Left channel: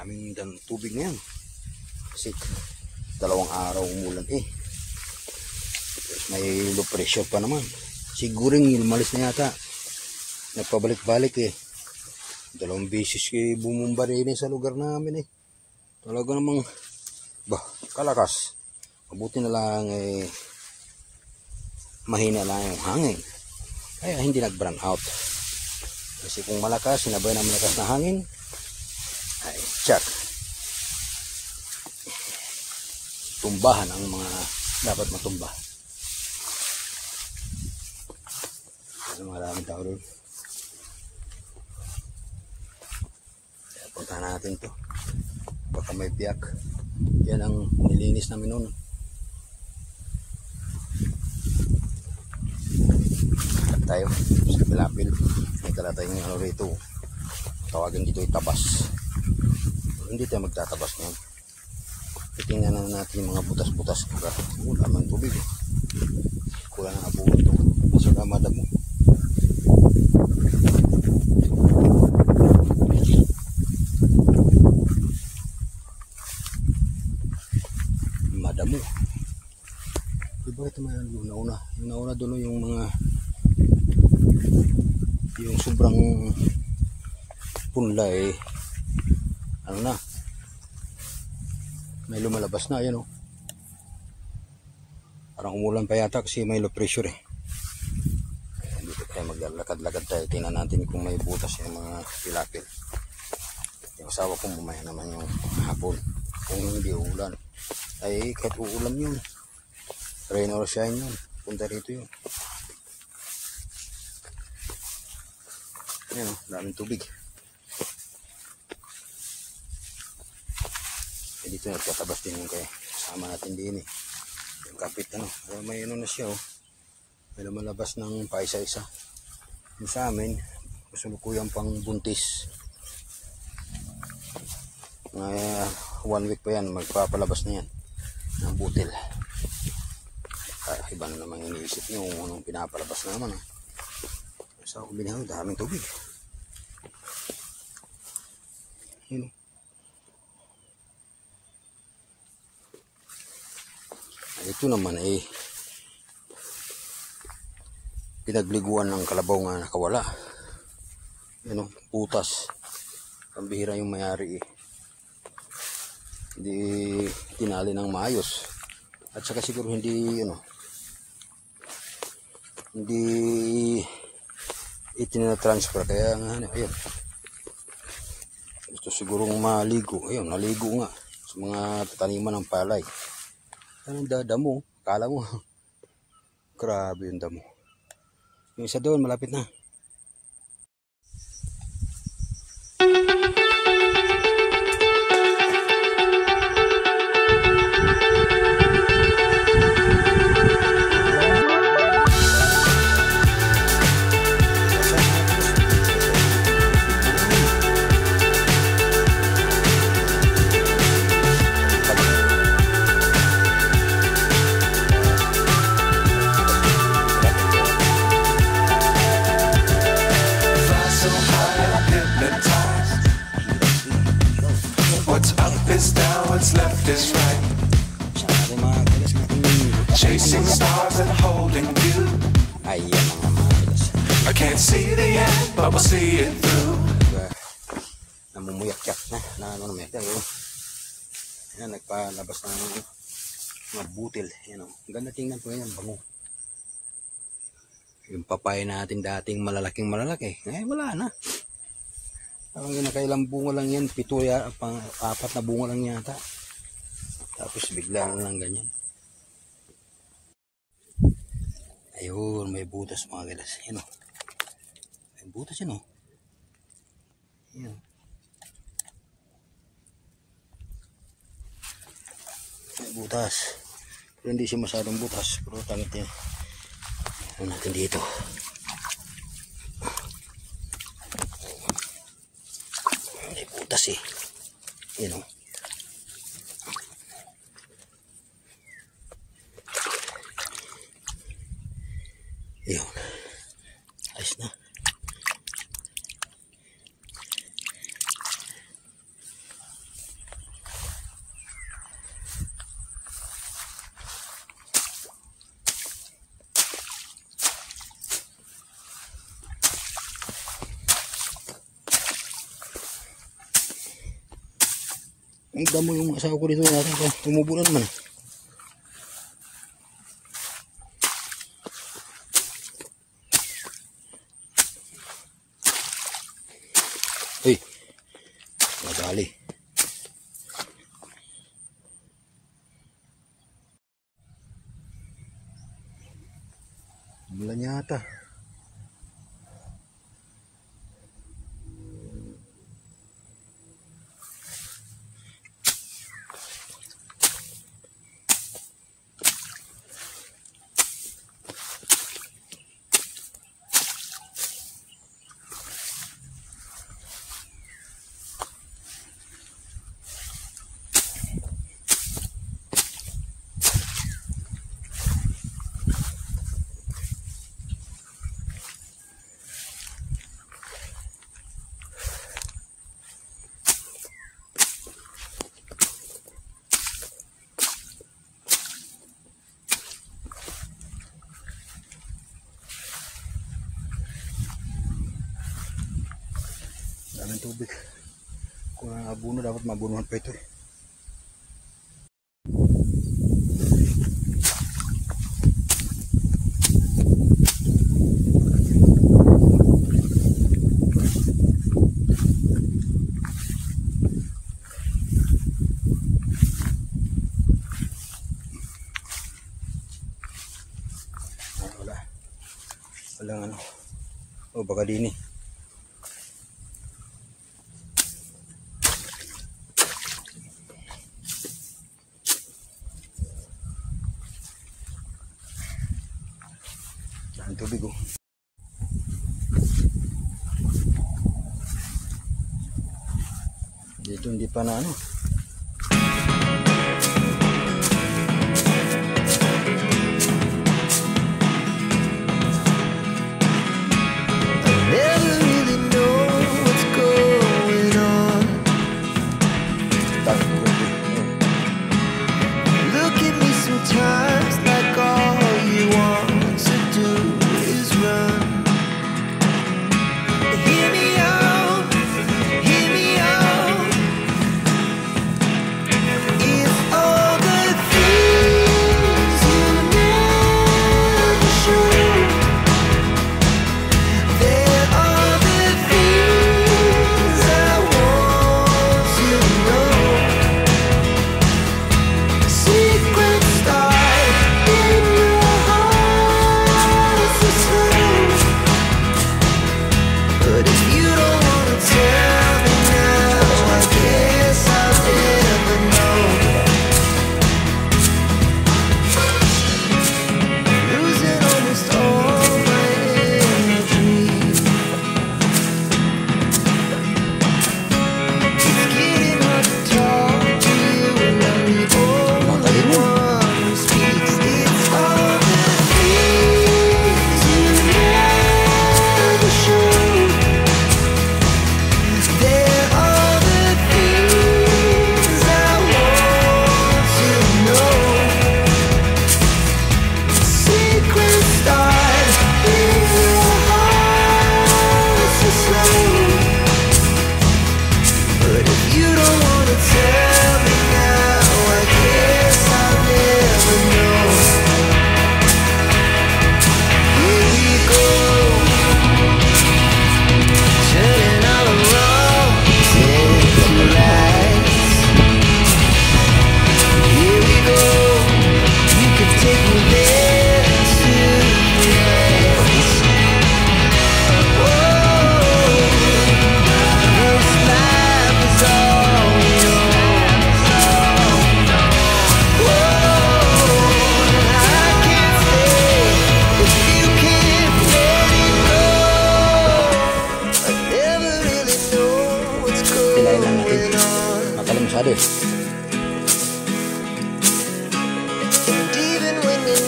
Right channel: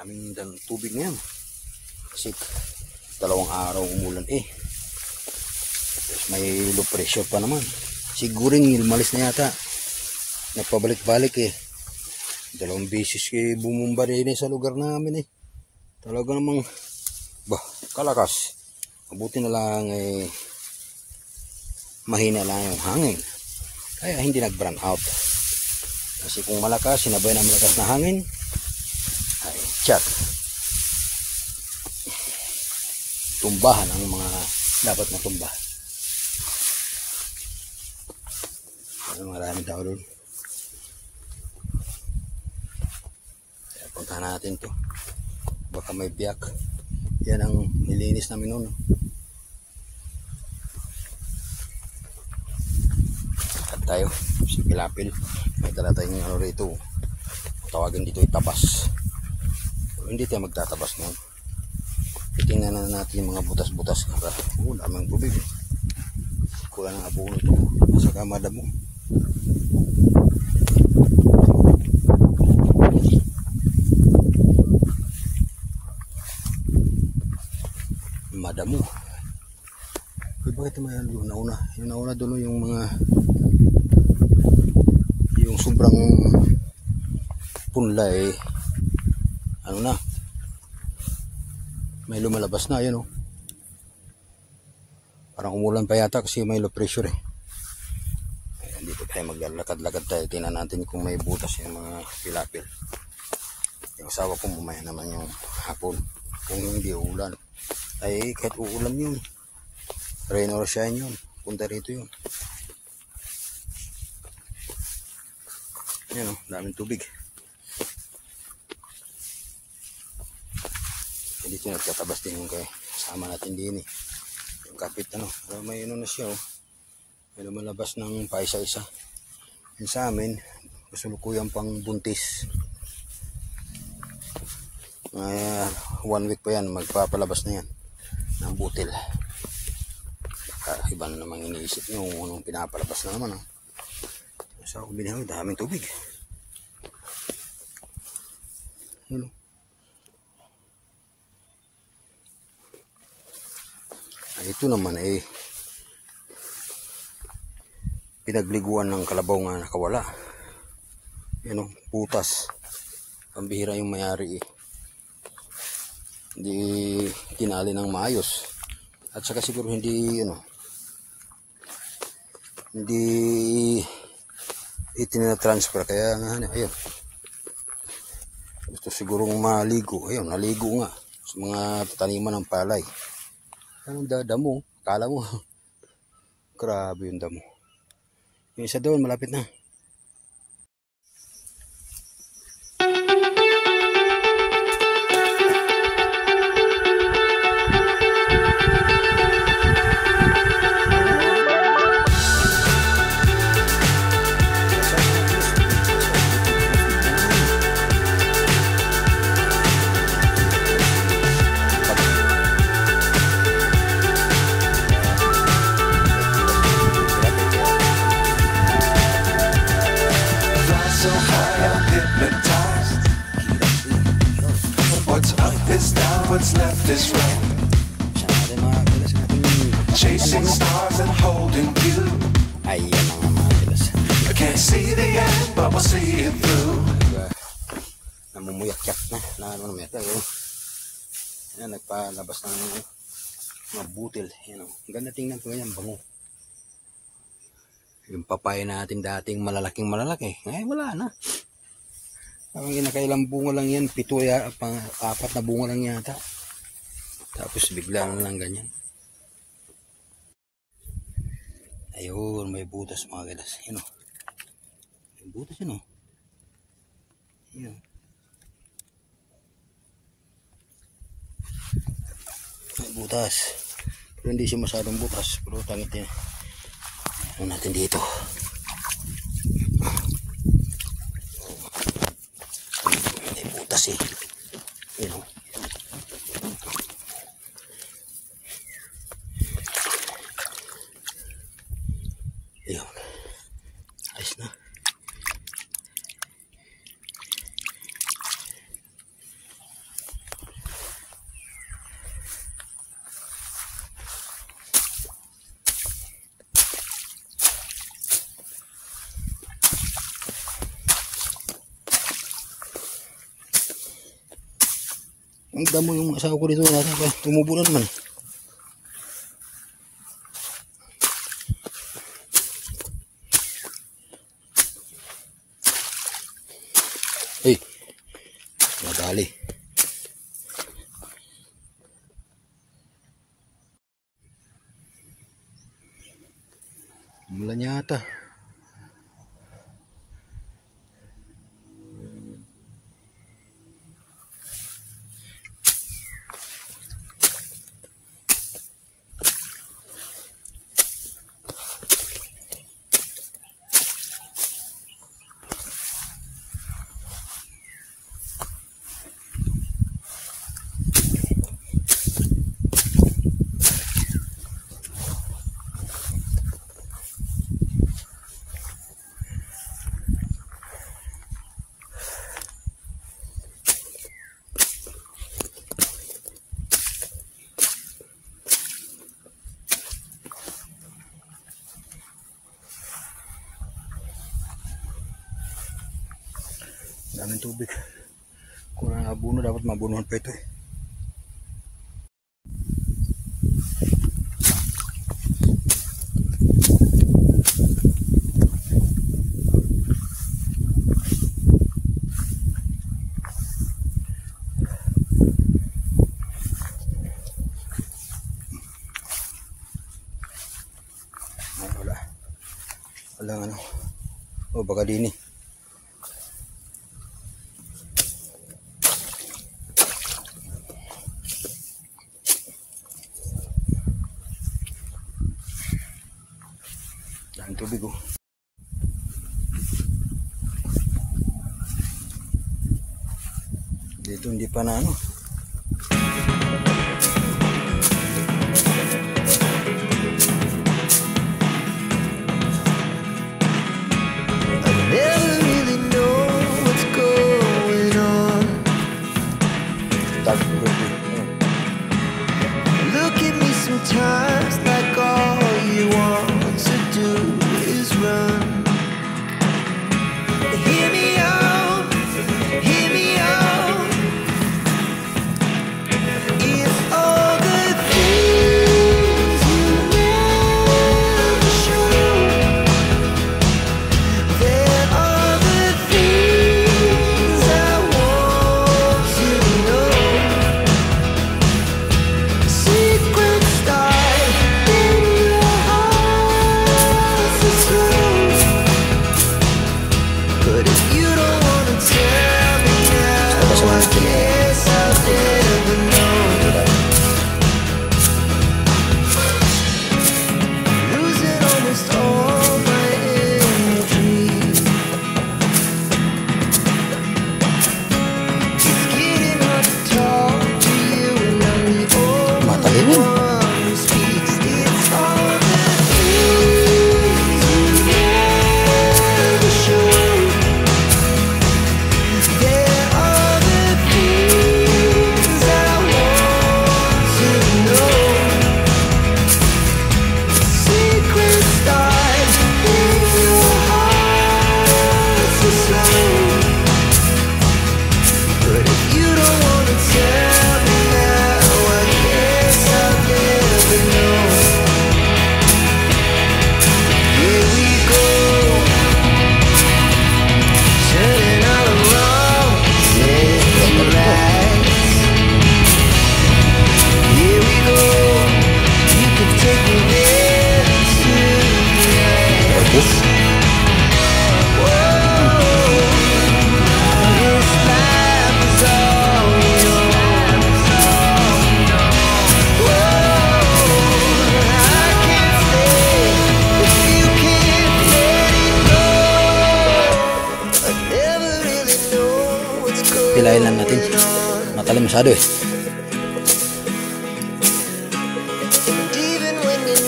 Maraming tubig na yan. Kasi 2 araw umulan eh. May low pressure pa naman. Siguring lumalis na yata. Nagpabalik-balik eh. 2 beses eh bumumba rin sa lugar namin eh. Talaga namang kalakas. Mabuti na lang eh mahina lang yung hangin. Kaya hindi nag-burn out. Kasi kung malakas, sinabay ng malakas na hangin, ay tsak. Tumbahan ang mga dapat matumba. Maraming tao doon. Puntahan natin to. Baka may biyak. Yan ang nilinis namin noon. At tayo sa Pilapil. May dala tayong ano rito. Tawagin dito itabas. Pero hindi tayo magtatabas ngayon. Tingnan na natin yung mga butas-butas. Daming tubig. Kulang na po ito. Nasa kamada mo. Madamo. Bakit may nauna doon yung mga yung sobrang punla eh. Ano na? May lumalabas na yan oh. Parang umulan pa yata kasi may low pressure eh. Ayan, dito tayo maglalakad-lakad tayo. Tingnan natin kung may butas yung mga tilapia. Yung asawa ko mamaya naman yung hapon. Kung hindi ulan. Ay kahit uulan yun. Rain or shine yun. Punta rito yun. Yan o, daming tubig. Dito nagtatabas din yung kasama natin din eh. Yung kapit ano. May ano na siya o. May lumalabas ng paisa-isa. Yung sa amin, kasulukuyang pang buntis. 1 week pa yan, magpapalabas na yan. Ng butil. Iba na naman iniisip nyo kung pinapalabas na naman. Sa ako binihang daming tubig. Yun. Ito naman eh pinagliguan ng kalabaw nga nakawala. Yan o, putas. Pambihira yung mayari eh. Hindi tinali ng maayos. At saka siguro hindi hindi itina-transfer kaya nga ayun. Gusto sigurong maligo. Ayun, naligo nga sa mga taniman ng palay. Anong damo? Akala mo grabe yung damo. Yung isa doon malapit na. So high I'm hypnotized. What's up is down, what's left is right. Chasing stars and holding you. I can't see the end, but we'll see it through. Namumuyak na. Ayan, nagpalabas ng mga butil. Ayan, ang ganda tingnan po yan, bango. Yung papaya natin dating malalaking malalaki. Ay, wala na. Parang kinakailang bunga lang yan. 4 na bunga lang yata. Tapos bigla na lang ganyan. Ayun, may butas mga gilas. Yan o. May butas yun o. Yan. May butas. Pero hindi siya masyadong butas. Pero tamit yan. Ano natin dito? May butas eh. Yun o. Ayun. Alis na. Ay, damo yung asawa ko dito natin. Tumubo na naman eh. Uy, madali. Wala yata. Daming tubig. Kung nabuno, dapat mabunuhan pa ito eh. Walang ano. O baka dini. Ang tubig oh. Dito hindi pa na ano. Sometimes like all you want to do is run. Hear me out, hear me out. It's all the things you never show. There are the things I want to know. Secret start in your heart so slow. But if you don't wanna tell me now, I guess I'll never know. Losing almost all my energy. It's getting hard to talk to you, and I'm the only one who speaks. It's all the things you never show. There are the things I want to know. Secret start in your heart so slow. But if you don't wanna tell me now, I guess I'll never know. Here we go, turning all around into lights. Here we go, you can take me there tonight. Whoa, this life is all yours. Whoa, I can't stay if you can't let it go. I never really know what's Pilayin lang natin. going on. Matalim masyado eh. And even when you're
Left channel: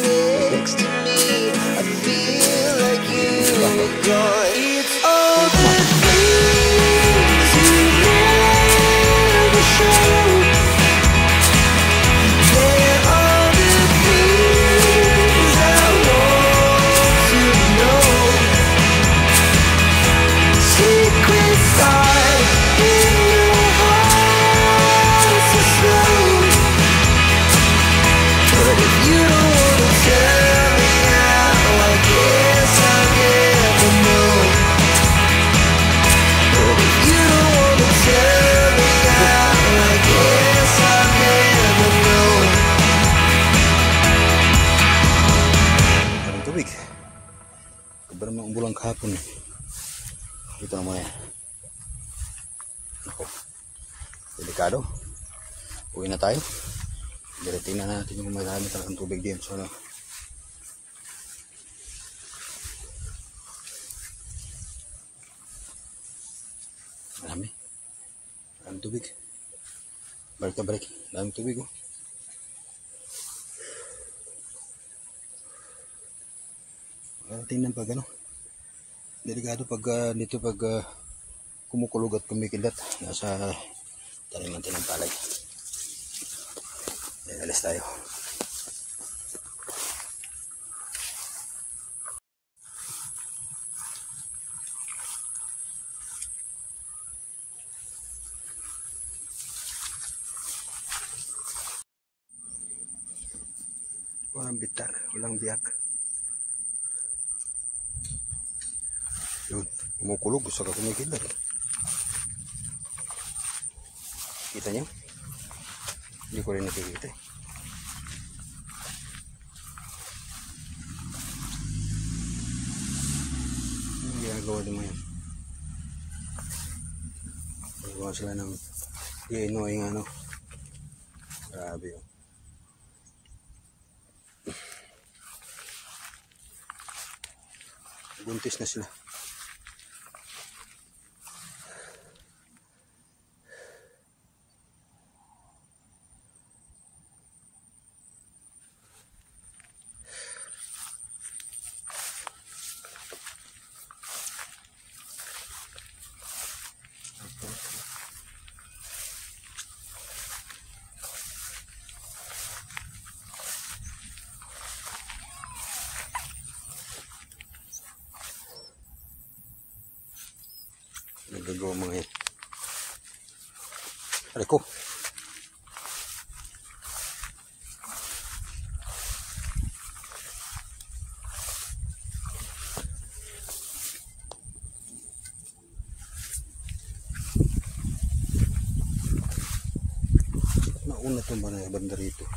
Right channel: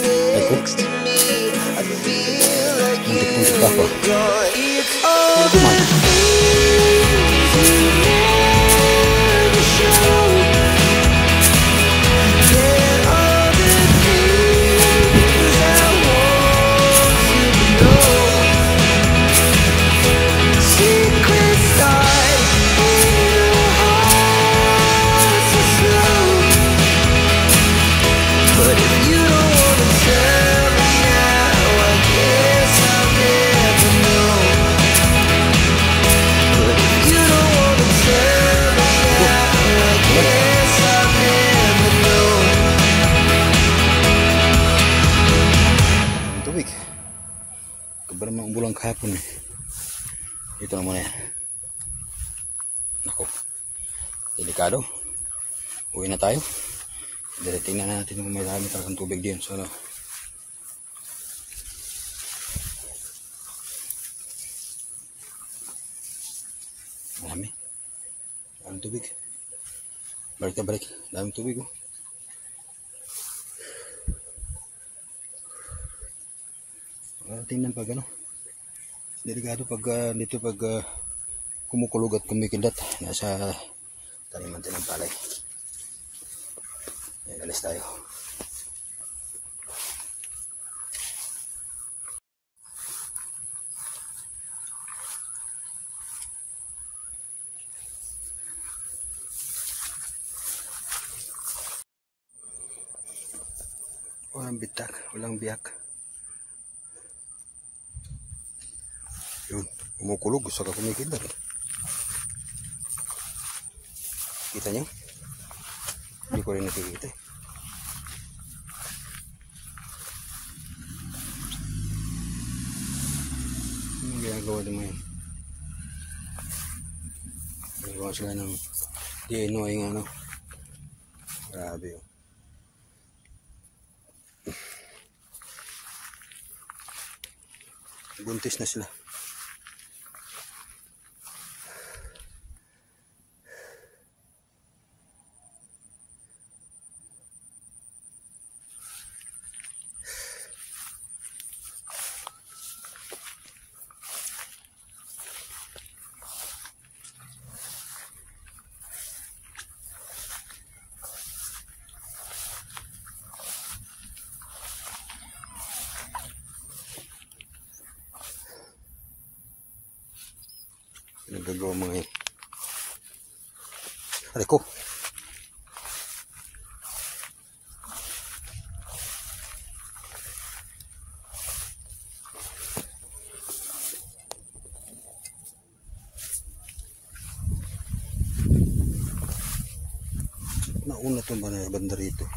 next to me, I feel like you are gone. It's all the things you never show. There are the things I want to know. Secret stars in your heart so delikado. Uwi na tayo. Tingnan natin kung may dami tayong tubig diyon. So, marami tubig. Balik na balik. Daming tubig oh. Tingnan pag ano. Delikado pag dito pag kumukulog at kumikidat. Nasa taniman din ng palay. Alis tayo. Walang bitak, walang biyak. Yun, kumukulog, gusto ka kumikidat. Kita nyo? Hindi ko rin nakikita eh. Ginagawa naman yan. Ginagawa sila ng DNA ng ano. Grabe oh. Buntis na sila. Nagagawa mga yan. Aray ko. Mauna itong banda rito.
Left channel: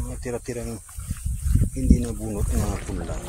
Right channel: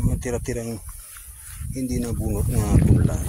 Yung tira-tirang hindi nabunot na pulang.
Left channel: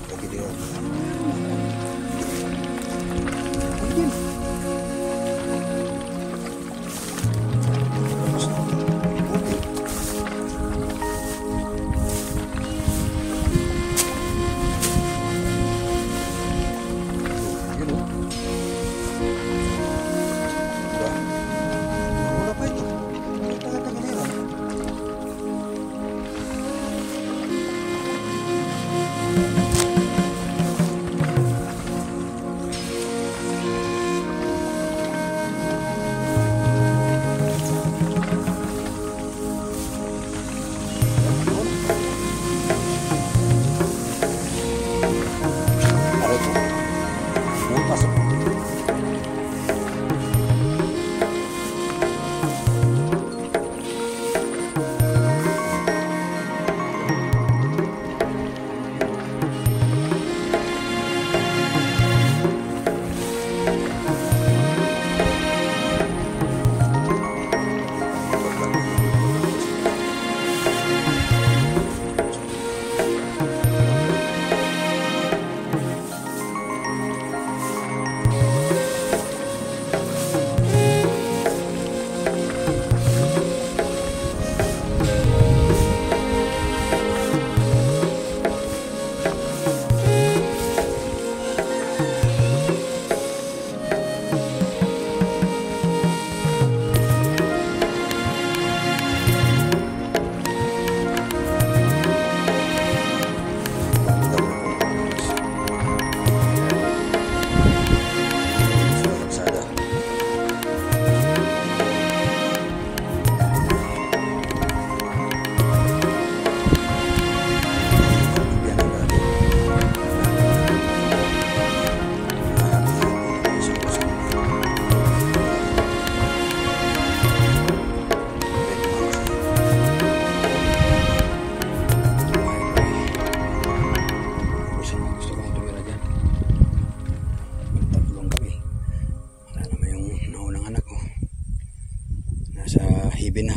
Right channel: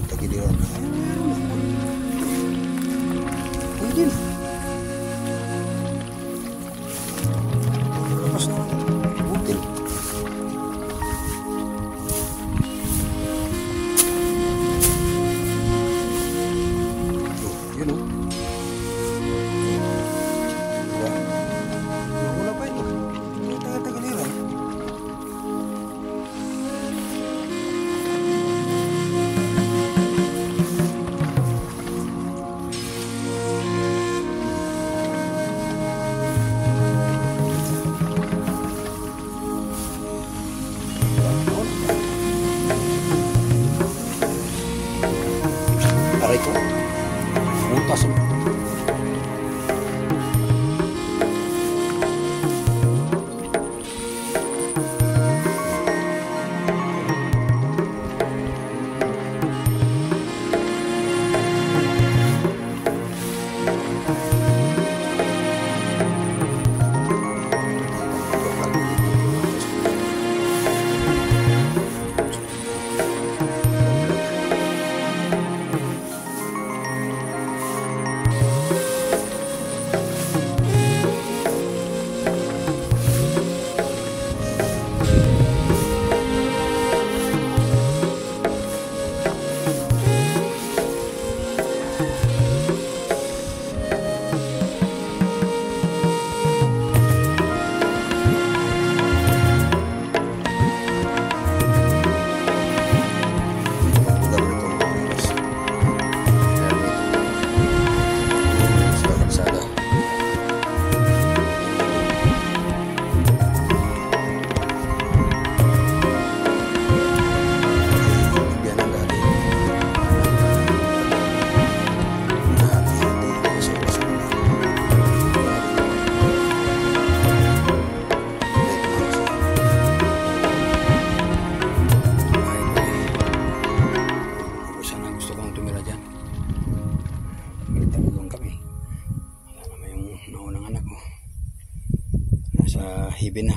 hibi na.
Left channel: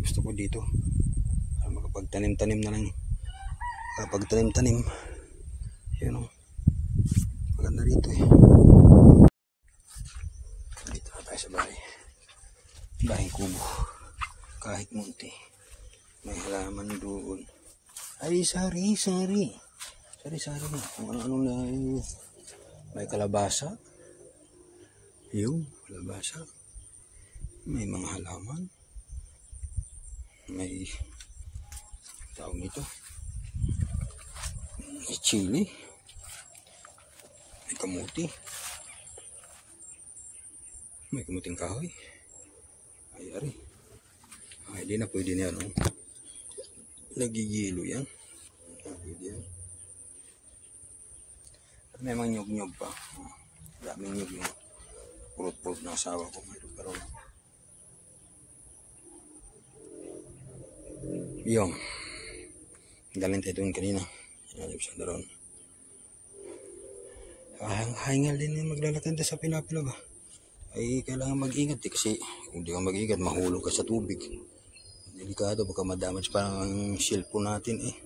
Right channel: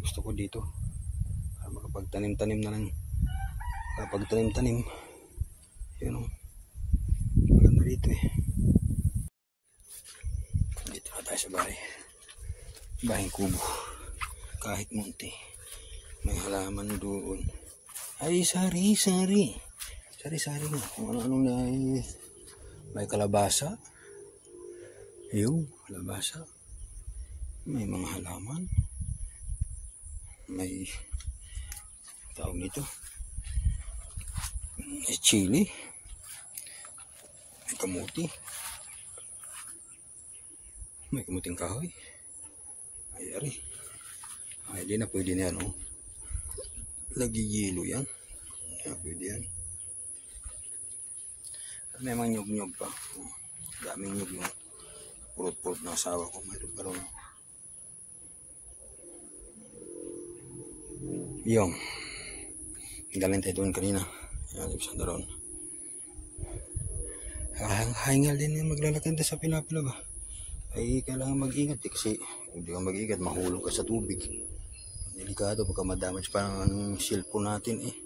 Gusto ko dito para makapagtanim-tanim na lang. Makapagtanim-tanim. Yun o. Maganda rito eh. Dito na tayo sa Bahing kubo. Kahit munti. May halaman doon. Ay, sari-sari. Sari-sari nga. Kung ano-anong na may kalabasa. Yung kalabasa. May mga halaman. May tawag dito. May chili. May kamuti. May kamuting kahoy. Ay, ari. Ay, di na pwede na yan, oh. Nagigilo yan. Ay, pwede yan. At may mga nyog-nyog pa. Oh, daming nyog yung purot-purot ng asawa ko. Pero, yung galing tayo doon kanina. Yan, yung doon. Haingal din yung maglalakad sa Pilapila ba? Ay, kailangan mag-ingat eh, kasi kung di ka mag-ingat, mahulog ka sa tubig. Delikado, baka madamage pa ang cellphone natin eh.